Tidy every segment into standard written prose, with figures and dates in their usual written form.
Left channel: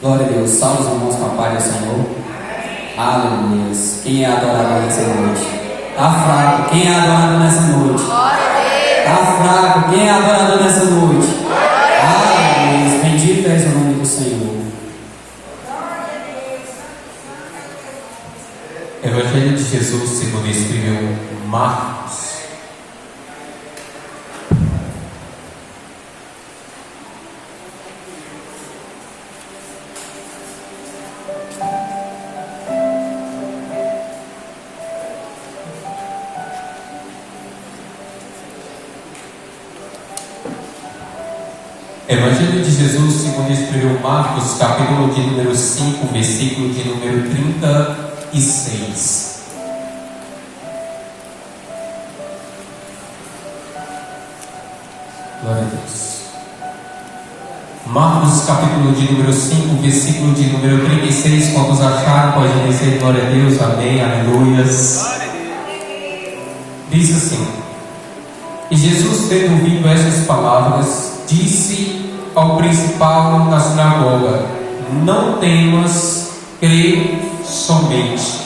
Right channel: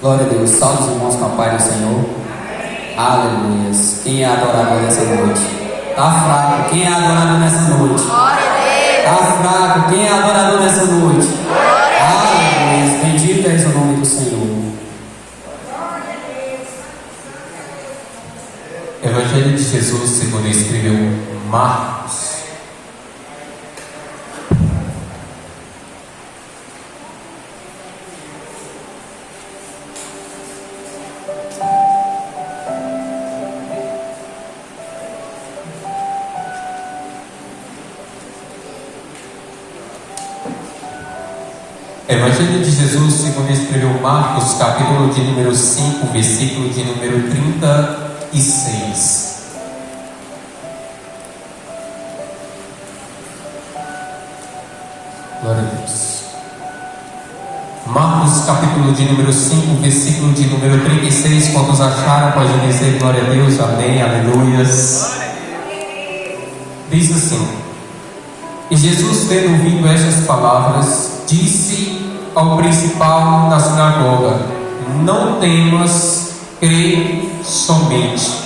Glória a Deus. Salve os irmãos com a paz do Senhor. Aleluia. Quem é adorador nessa noite? Está fraco. Quem é adorador nessa noite? Glória a Deus. Está fraco. Quem é adorador nessa noite? Glória a Aleluia. Bendito és o nome do Senhor. Evangelho de Jesus segundo escreveu Marcos. Evangelho de Jesus segundo escreveu Marcos, capítulo de número 5, versículo de número 36. Glória a Deus. Marcos, capítulo de número 5, versículo de número 36. Quantos acharam, podem dizer glória a Deus, amém, aleluias. Diz assim: E Jesus, tendo ouvido estas palavras, disse ao principal da sinagoga: Não temas, crê somente.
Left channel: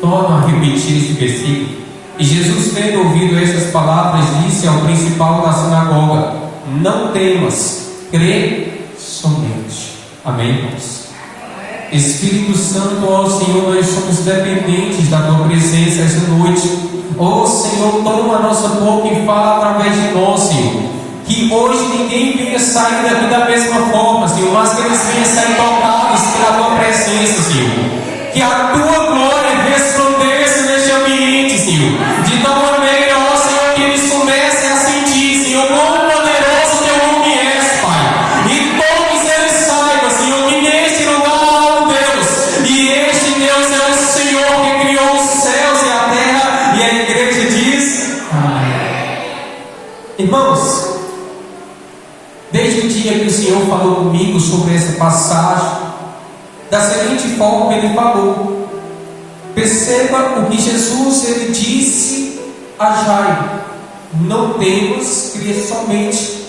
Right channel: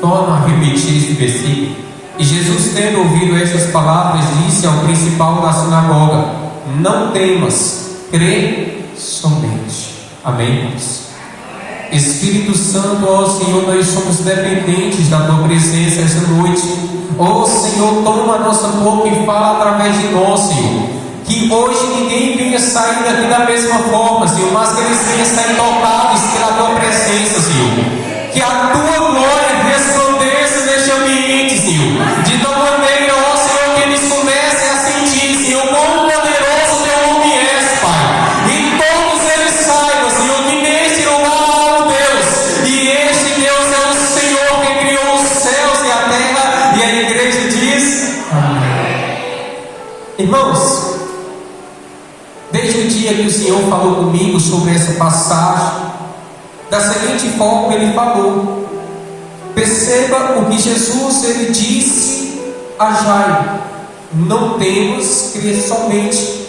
Torna a repetir esse versículo. E Jesus, tendo ouvido estas palavras, disse ao principal da sinagoga: Não temas, crê somente. Amém, irmãos? Espírito Santo, ó Senhor, nós somos dependentes da Tua presença esta noite. Ó Senhor, toma a nossa boca e fala através de nós, Senhor. Que hoje ninguém venha sair daqui da mesma forma, Senhor, mas que eles venham sair tocados pela Tua presença, Senhor. Que a Tua glória resplandeça neste ambiente, Senhor. De tal maneira, ó Senhor, que eles comecem a sentir, Senhor, quão poderoso Teu nome é, Pai. E todos eles saibam, Senhor, que neste lugar há um Deus. E este Deus é o Senhor que criou os céus e a terra. E a igreja diz: Amém. Irmãos, desde o dia que o Senhor falou comigo sobre essa passagem, da seguinte forma ele falou. Perceba o que Jesus ele disse a Jairo: Não temas, crê somente.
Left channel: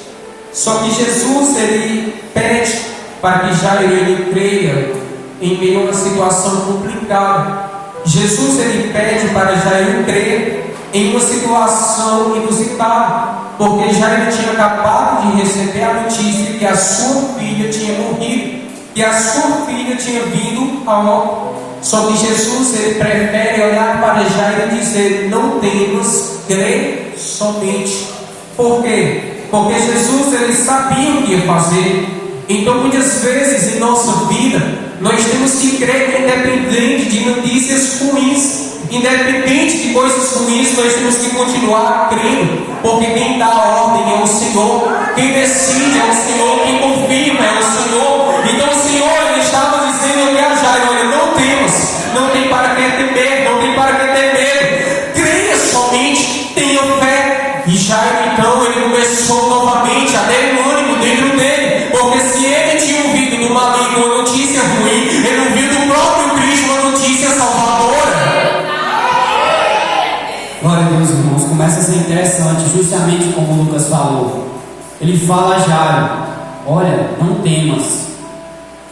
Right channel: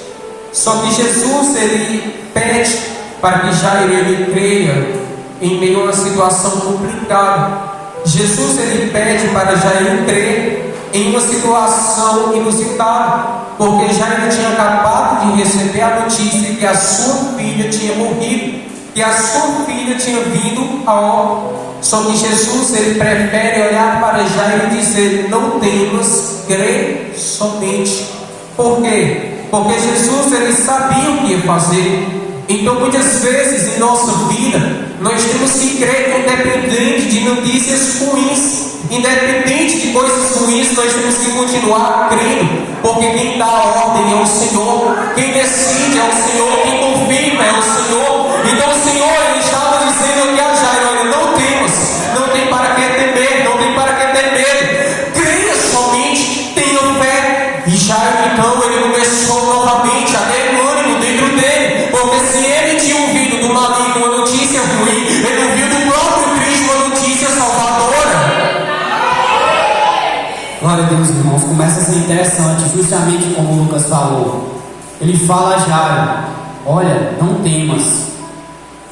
Só que Jesus ele pede para que Jairo ele creia em meio a uma situação complicada. Jesus ele pede para Jairo crer em uma situação inusitada, porque Jairo tinha acabado de receber a notícia que a sua filha tinha morrido, que a sua filha tinha vindo a óbito. Só que Jesus ele prefere olhar para Jairo e dizer: Não temas, crê somente. Por quê? Porque Jesus ele sabia o que ia fazer. Então muitas vezes em nossa vida nós temos que crer independente de notícias ruins. Independente de coisas ruins, nós temos que continuar crendo, porque quem dá a ordem é o Senhor, quem decide é o Senhor, quem confirma é o Senhor. Então o Senhor ele estava dizendo aqui a Jairo: Olha, não temas, não tem para que temer, não tem para que ter medo, creia somente, tenha fé. E Jairo então ele começou novamente a ter ânimo dentro dele, porque se ele tinha ouvido do maligno uma notícia ruim, ele ouviu do próprio Cristo uma notícia salvadora. Glória a Deus, irmãos. Começa a ser interessante, justamente como o Lucas falou. Ele fala a Jairo: Olha, não temas.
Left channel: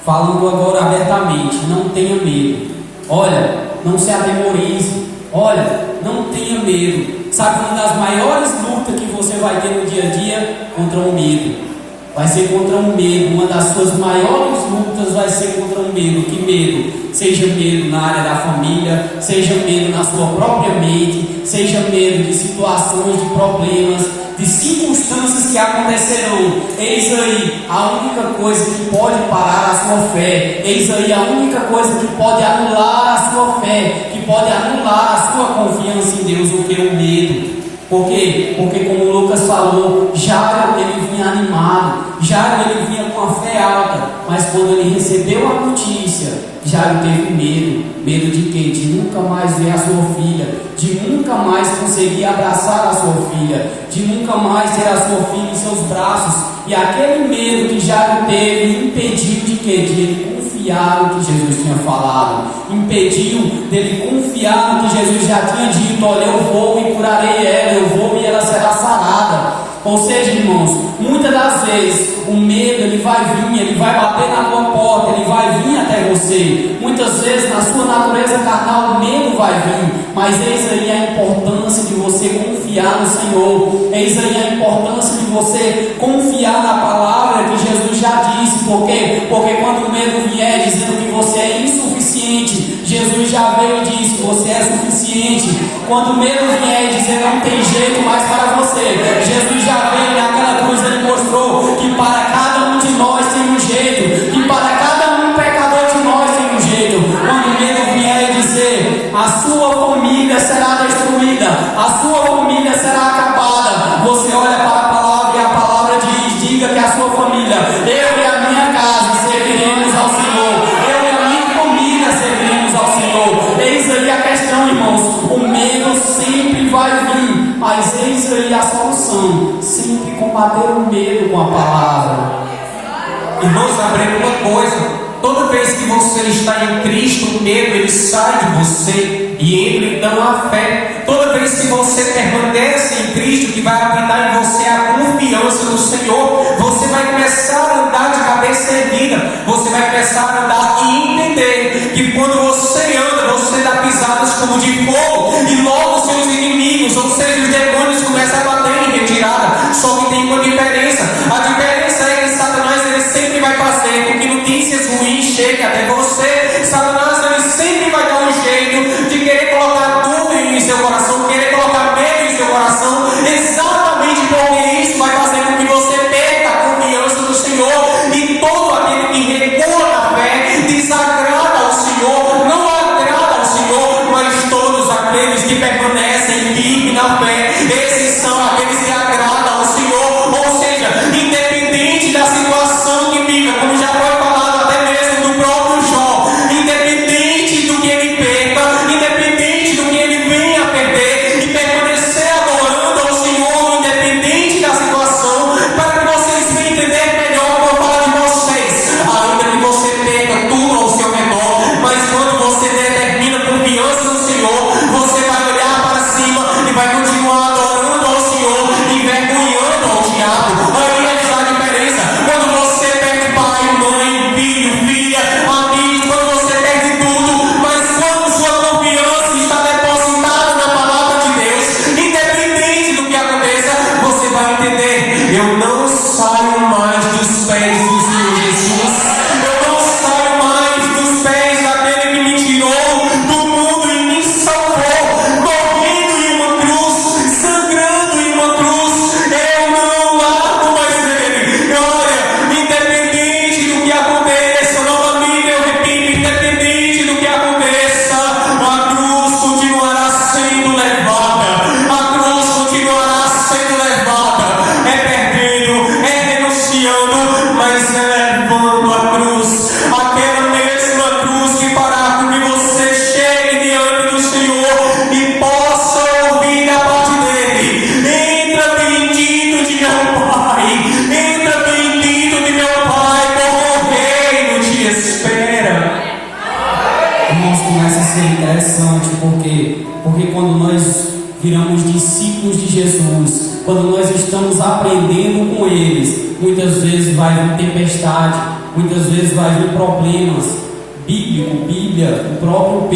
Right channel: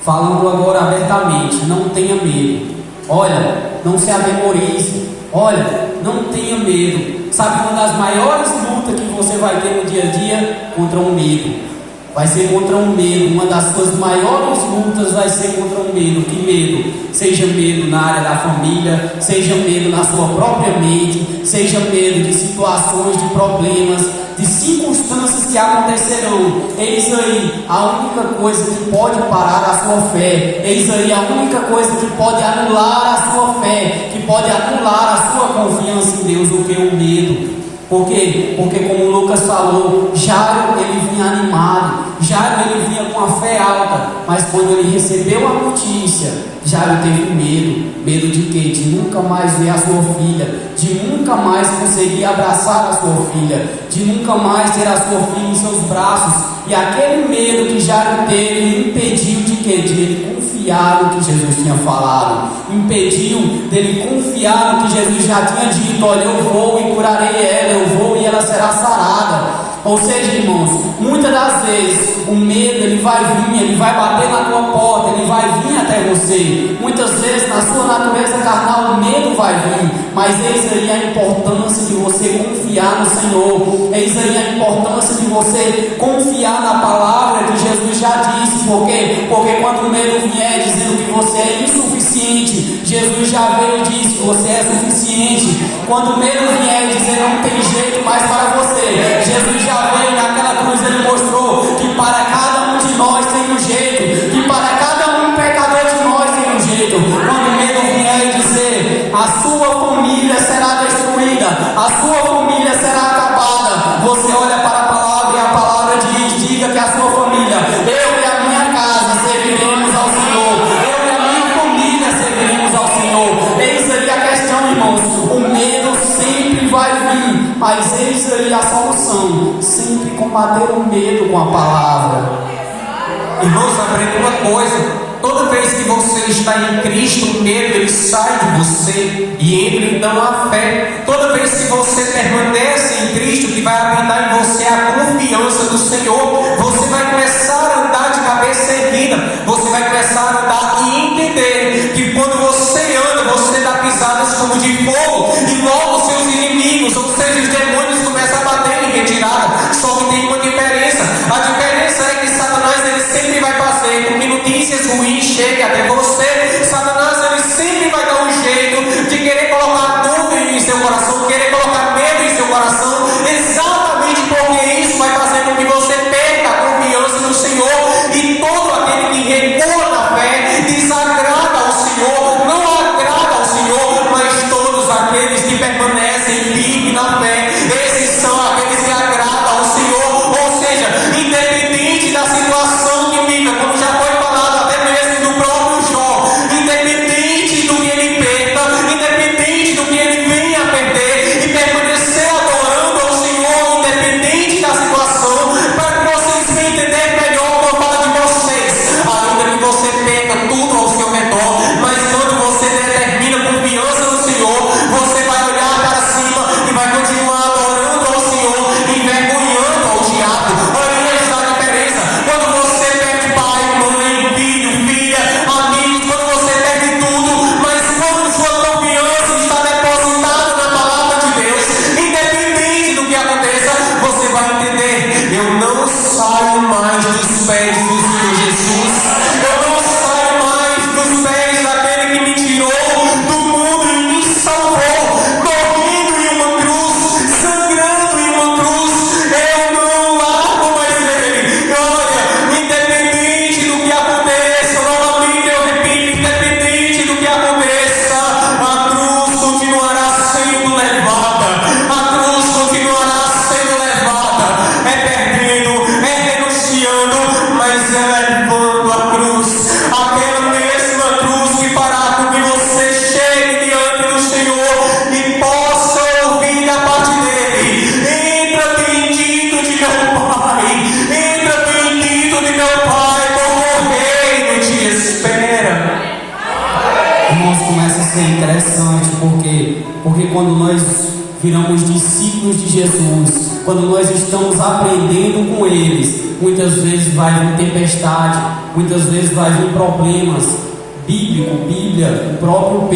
Falando agora abertamente: Não tenha medo. Olha, não se atemorize. Olha, não tenha medo. Sabe, uma das maiores lutas que você vai ter no dia a dia? Contra o medo. Vai ser contra um medo. Uma das suas maiores lutas vai ser contra um medo. Que medo? Seja medo na área da família, seja medo na sua própria mente, seja medo de situações, de problemas, de circunstâncias que acontecerão. Eis aí a única coisa que pode parar a sua fé. Eis aí a única coisa que pode anular a sua fé, que pode anular a sua confiança em Deus, o que é o medo. Por quê? Porque como o Lucas falou, Jairo ele vinha animado, Jairo ele vinha com a fé alta, mas quando ele recebeu a notícia, Jairo teve medo. Medo de quê? De nunca mais ver a sua filha, de nunca mais conseguir abraçar a sua filha, de nunca mais ter a sua filha em seus braços. E aquele medo que Jairo teve impediu de quê? De ele confiar no que Jesus tinha falado, impediu dele confiar no que Jesus já tinha dito: Olha, eu vou e curarei ela, eu vou e ela será sarada. Ou seja, irmãos, muitas das vezes o medo ele vai vir, ele vai bater na tua porta, ele vai vir até você. Muitas vezes na sua natureza carnal o medo vai vir, mas eis aí a importância de você confiar no Senhor. Eis aí a importância de você confiar na palavra que Jesus já disse. Por quê? Porque quando o medo vier dizendo que você é insuficiente, Jesus já veio e disse: você é suficiente. Quando o medo vier dizer não tem jeito mais para você, Jesus já veio naquela cruz, ele mostrou que para cada um de nós tem um jeito, que para cada um pecador de nós tem um jeito. Quando o medo vier dizer a sua família será destruída, a sua família será acabada, você olha para a palavra e a palavra diz: diga que a sua família, eu e a minha casa serviremos ao Senhor, eu e a minha família serviremos ao Senhor. Eis aí a questão, irmãos, o medo sempre vai vir, mas eis aí a solução: sempre combater o medo com a palavra. Irmãos, aprenda uma coisa: toda vez que você está em Cristo, o medo ele sai de você e entra então a fé. Toda vez que você permanece em Cristo, que vai habitar em você a confiança do Senhor, você vai começar a andar de cabeça erguida, você vai começar a andar e entender que quando você anda, você dá pisadas como de fogo, e logo seus inimigos, ou seja, os demônios, começam a bater em retirada. Só que tem uma diferença: a diferença é que Satanás ele sempre vai fazer com que notícias ruins cheguem até você. Satanás ele sempre vai dar um jeito de querer colocar dúvida em seu coração, querer colocar medo em seu coração, exatamente porque isso vai fazer com que você perca a confiança no Senhor. E todo aquele que recua na fé desagrada ao Senhor, não agrada ao Senhor, mas todos aqueles que permanecem firmes na fé, esses são aqueles que agradam ao Senhor. Ou seja, independente da situação que viva, como já foi falado até mesmo do próprio Jó, independente do que ele perca, independente do que ele venha a perder, e permanecer adorando ao Senhor, independente da situação, para que vocês venham entender melhor o que eu falo de vocês. Ainda que você perca tudo ao seu redor, mas quando você determina confiança no Senhor, você vai olhar para cima e vai continuar adorando ao Senhor, envergonhando ao diabo. Aí está a diferença. Quando você perde pai, mãe, filho, filha, amigos, quando você perde tudo, mas quando sua confiança está depositada na palavra de Deus, independente do que aconteça, você vai entender: eu não saio mais dos pés do Senhor Jesus, eu não saio mais dos pés daquele que me tirou do mundo e me salvou, morrendo em uma cruz, sangrando em uma cruz. Eu não largo mais ele. Olha, independente do que aconteça, novamente eu repito, independente do que aconteça, a cruz continuará sendo levada, a cruz continuará sendo levada, é perdendo, é renunciando, mas é levando a cruz, aquela mesma cruz que fará com que você chegue diante do Senhor e possa ouvir da parte dele: entra bendito de meu Pai, entra bendito de meu Pai, porque o reino te espera. Irmãos, começa a ser interessante, porque quando nós viramos discípulos de Jesus, quando nós estamos aprendendo com eles, muitas vezes vai vir tempestade, muitas vezes vai vir problemas. Bíblia, o próprio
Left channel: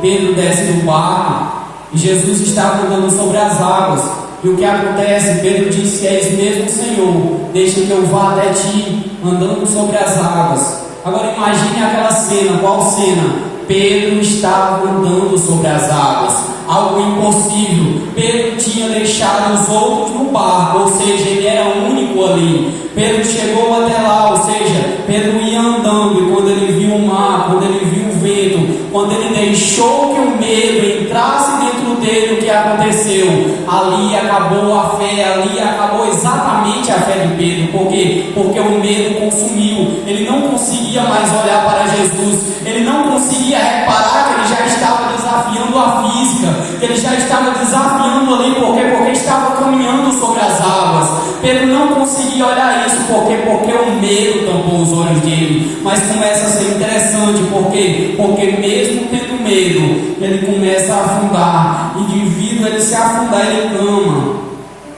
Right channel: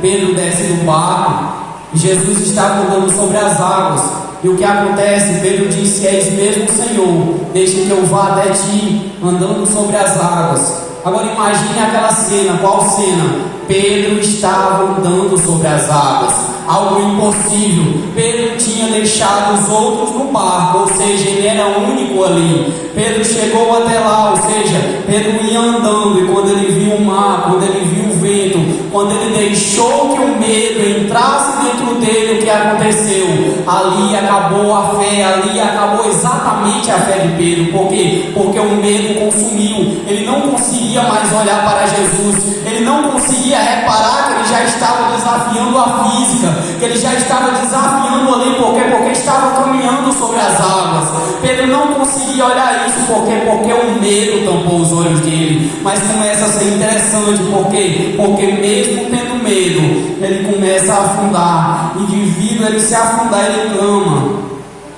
Pedro desce do barco e Jesus estava andando sobre as águas. E o que acontece? Pedro disse: és mesmo, Senhor, deixa que eu vá até ti, andando sobre as águas. Agora imagine aquela cena. Qual cena? Pedro estava andando sobre as águas, algo impossível. Pedro tinha deixado os outros no barco, ou seja, ele era único ali. Pedro chegou até lá, ou seja, Pedro ia andando, e quando ele viu o mar, quando ele viu o vento, quando ele deixou que o medo entrasse dentro dele, o que aconteceu? Ali acabou a fé, ali acabou exatamente a fé de Pedro. Por quê? Porque o medo consumiu. Ele não conseguia mais olhar para Jesus, ele não conseguia reparar que ele já estava desafiando a física, que ele já estava desafiando ali, porque estava caminhando sobre as águas. Pedro não conseguia olhar isso, porque o medo tampou os olhos dele. Mas começa a ser interessante, porque mesmo tendo medo, ele começa a afundar, e devido a ele se afundar, ele clama.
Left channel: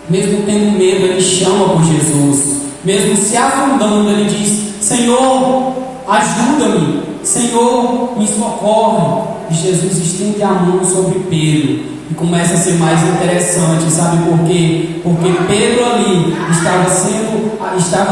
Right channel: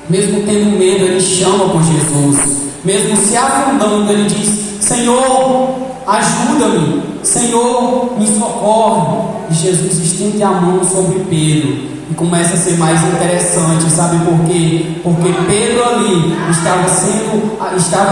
Mesmo tendo medo, ele chama por Jesus. mesmo se afundando, ele diz: Senhor, ajuda-me, Senhor, me socorre. E Jesus estende a mão sobre Pedro. E começa a ser mais interessante, sabe por quê? Porque Pedro ali estava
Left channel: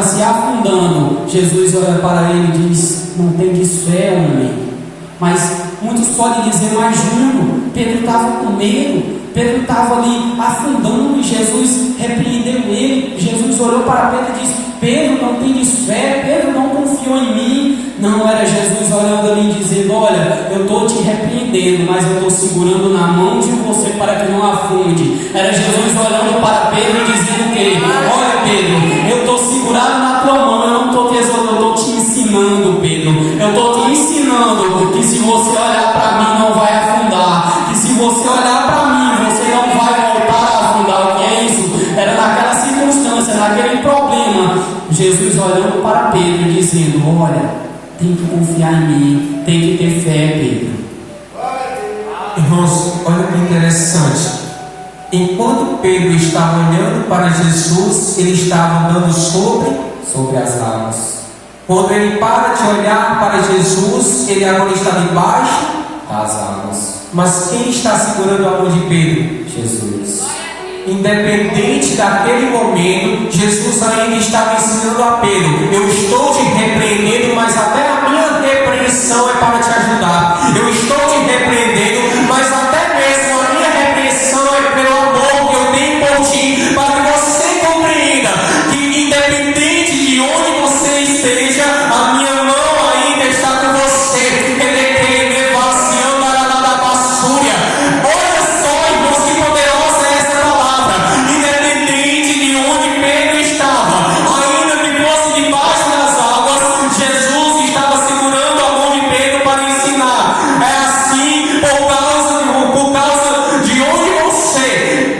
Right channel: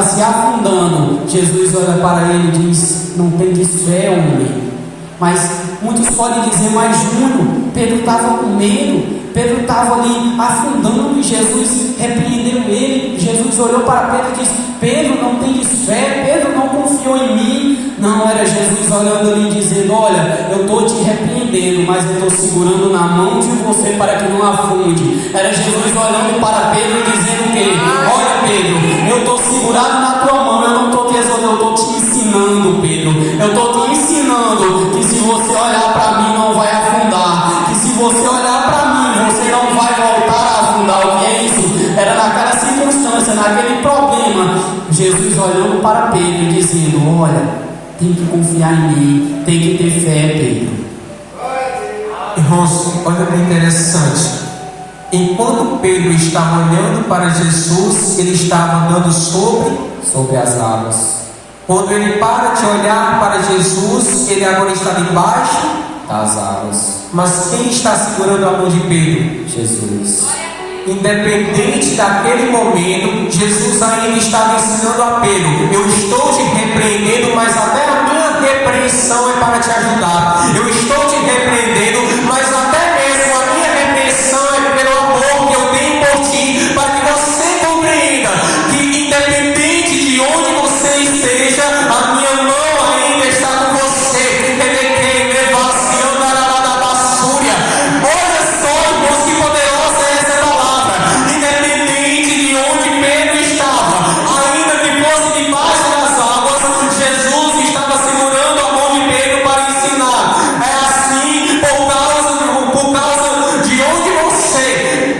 se afundando. Jesus olha para ele e diz: não tendes fé, homem. Mas muitos podem dizer: mas Júnior, Pedro estava com medo, Pedro estava ali afundando e Jesus repreendeu ele. Jesus olhou para Pedro e disse: Pedro, não tendes fé, Pedro não confiou em mim. Não, era Jesus olhando ali e dizendo: olha, eu estou te repreendendo, mas eu estou segurando na mão de você para que não afunde. Era Jesus olhando para Pedro e dizendo o quê? Olha, Pedro, eu estou segurado na tua mão, eu não estou te exortando, eu estou te ensinando, Pedro. Eu estou te ensinando que se você olhar para mim não vai afundar, que se você olhar para mim você não vai voltar a afundar. O que é isso? Era naquela circunstância, naquele problema, Jesus olhando para Pedro e dizendo: olha, tem que confiar em mim, tem que ter fé, Pedro. Irmãos, olha que interessante. Enquanto Pedro estava olhando para Jesus, ele estava andando sobre as águas. Quando ele para de olhar para Jesus, ele agora está debaixo das águas. Mas quem está segurando a mão de Pedro? Jesus. Independente daquele momento, Jesus ainda estava ensinando a Pedro: eu estou te repreendendo, mas até a minha repreensão é para te ajudar. Eu estou te repreendendo, mas até mesmo a minha repreensão é pelo amor que eu tenho por ti, para que você compreenda que independente de onde você esteja, a minha mão ainda está com você. Olha só, irmãos, que poderosa é essa palavra. Independente de onde Pedro estava, ainda que fosse debaixo das águas, Jesus estava segurando a mão de Pedro para ensinar. É assim, por causa de onde você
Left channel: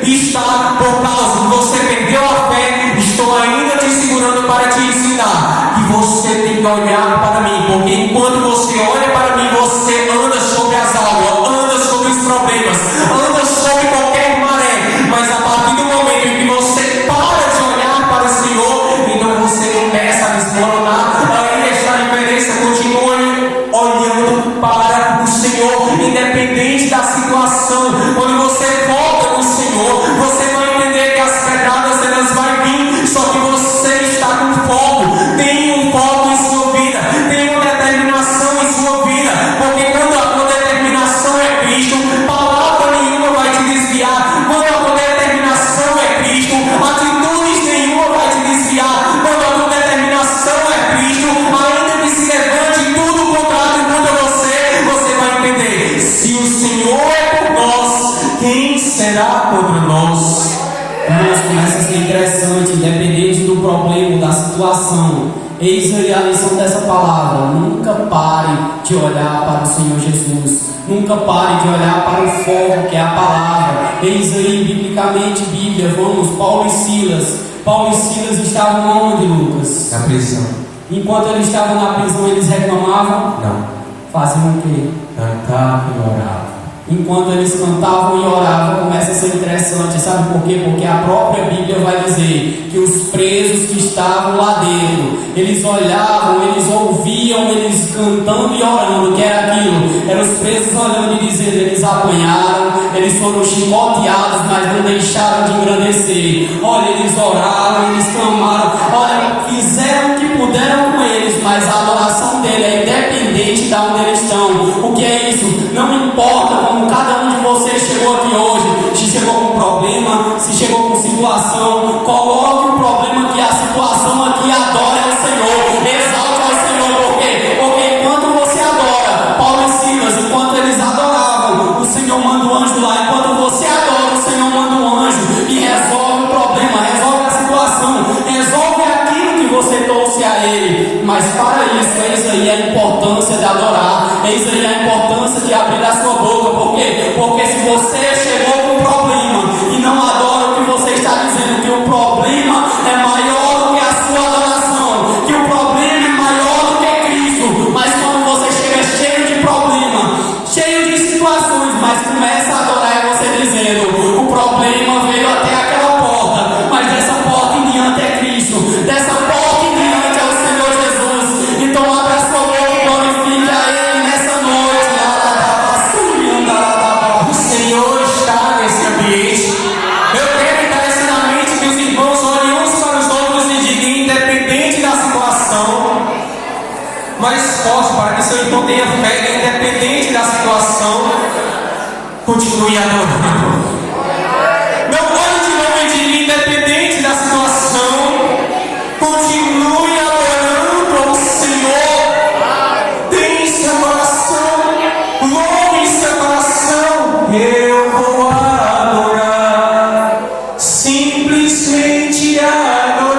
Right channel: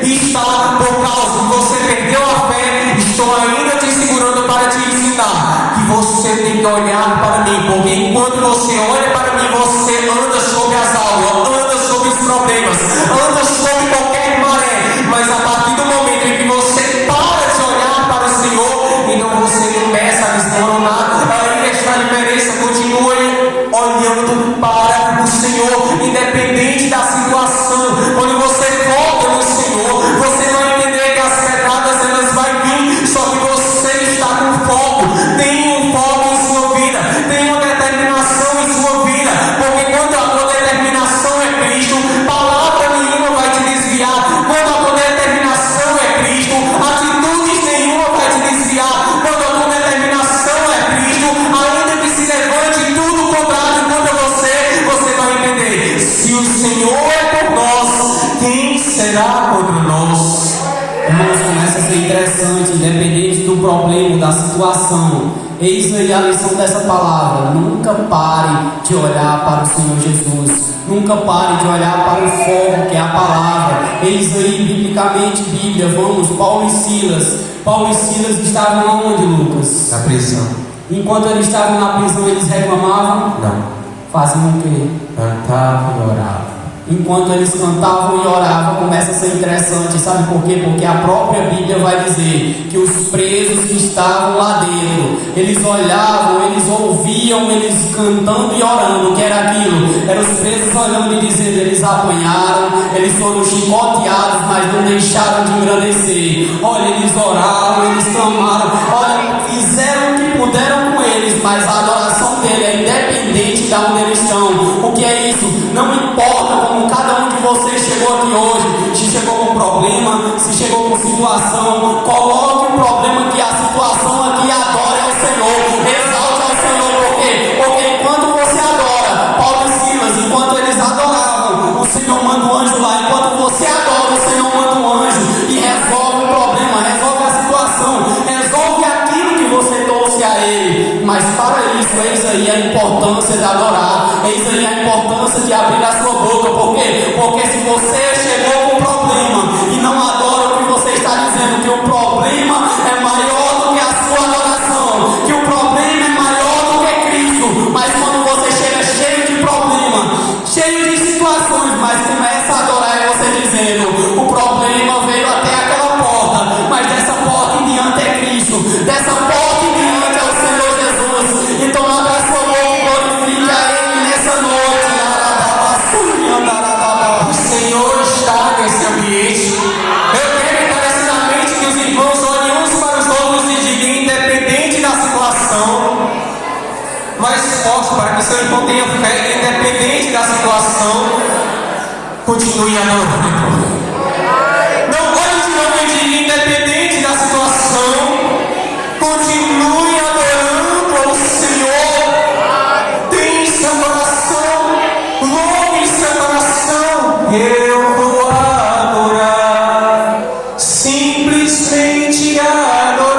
está, por causa que você perdeu a fé, estou ainda te segurando para te ensinar que você tem que olhar para mim, porque enquanto você olha para mim, você anda sobre as águas, anda sobre os problemas, anda sobre qualquer maré. Mas a partir do momento em que você para de olhar para o Senhor, então você começa a desmoronar. Ainda está a diferença, continue olhando para o Senhor, independente da situação. Quando você foca no Senhor, você vai entender que as pedradas elas vão vir, só que você está com foco. Tem um foco em sua vida, tem uma determinação em sua vida, porque quando a tua determinação é Cristo, palavra nenhuma vai te desviar. Quando a tua determinação é Cristo, atitude nenhuma vai te desviar. Quando a tua determinação é Cristo, ainda que se levante tudo contrário contra você, você vai entender: se o Senhor é por nós, quem será contra nós? Irmãos, começa a ser interessante, independente do problema, da situação. Eis aí a lição dessa palavra: nunca pare de olhar para o Senhor Jesus, nunca pare de olhar para o foco que é a palavra. Eis aí, biblicamente, Bíblia, vamos, Paulo e Silas estavam onde, Lucas? Na prisão. Enquanto eles estavam na prisão, eles reclamavam? Não. Faziam o quê? Cantavam e oravam. Enquanto eles cantavam e oravam, começa a ser interessante, sabe por quê? Porque a própria Bíblia vai dizer que os presos que estavam lá dentro, eles olhavam, eles ouviam, eles cantando e orando. O que era aquilo? Eram os presos olhando e dizendo: eles apanharam, eles foram chicoteados, mas não deixaram de engrandecer. Olha, eles oraram, eles clamaram, olha, fizeram o que puderam com eles, mas a adoração dele é independente de onde eles estão. O que é isso? Não importa como cada um de vocês chegou aqui hoje, se chegou com problema, se chegou com situação, coloque o problema que a situação aqui adora ao Senhor, exalte ao Senhor. Por quê? Porque enquanto você adora, Paulo e Silas, enquanto eles adoravam, o Senhor manda um anjo lá. Enquanto você adora, o Senhor manda um anjo e resolve o problema, resolve a situação, resolve aquilo que você trouxe a Ele. Mas para isso, eis aí a importância de adorar, eis aí a importância de abrir a sua boca. Por quê? Porque se você chegou com problema e não adora o que você está dizendo, que o problema é maior do que a sua adoração, que o problema é maior do que Cristo. Mas quando você chega cheio de problema, cheio de situações, mas começa a adorar, é você dizendo: o problema veio até aquela porta, mas dessa porta em diante é Cristo, dessa porta continue adorando. Não olhe de novo, independente da situação. Continue adorando ao Senhor. Tem seu coração, louve seu coração. Eu vou adorar, simplesmente adorar.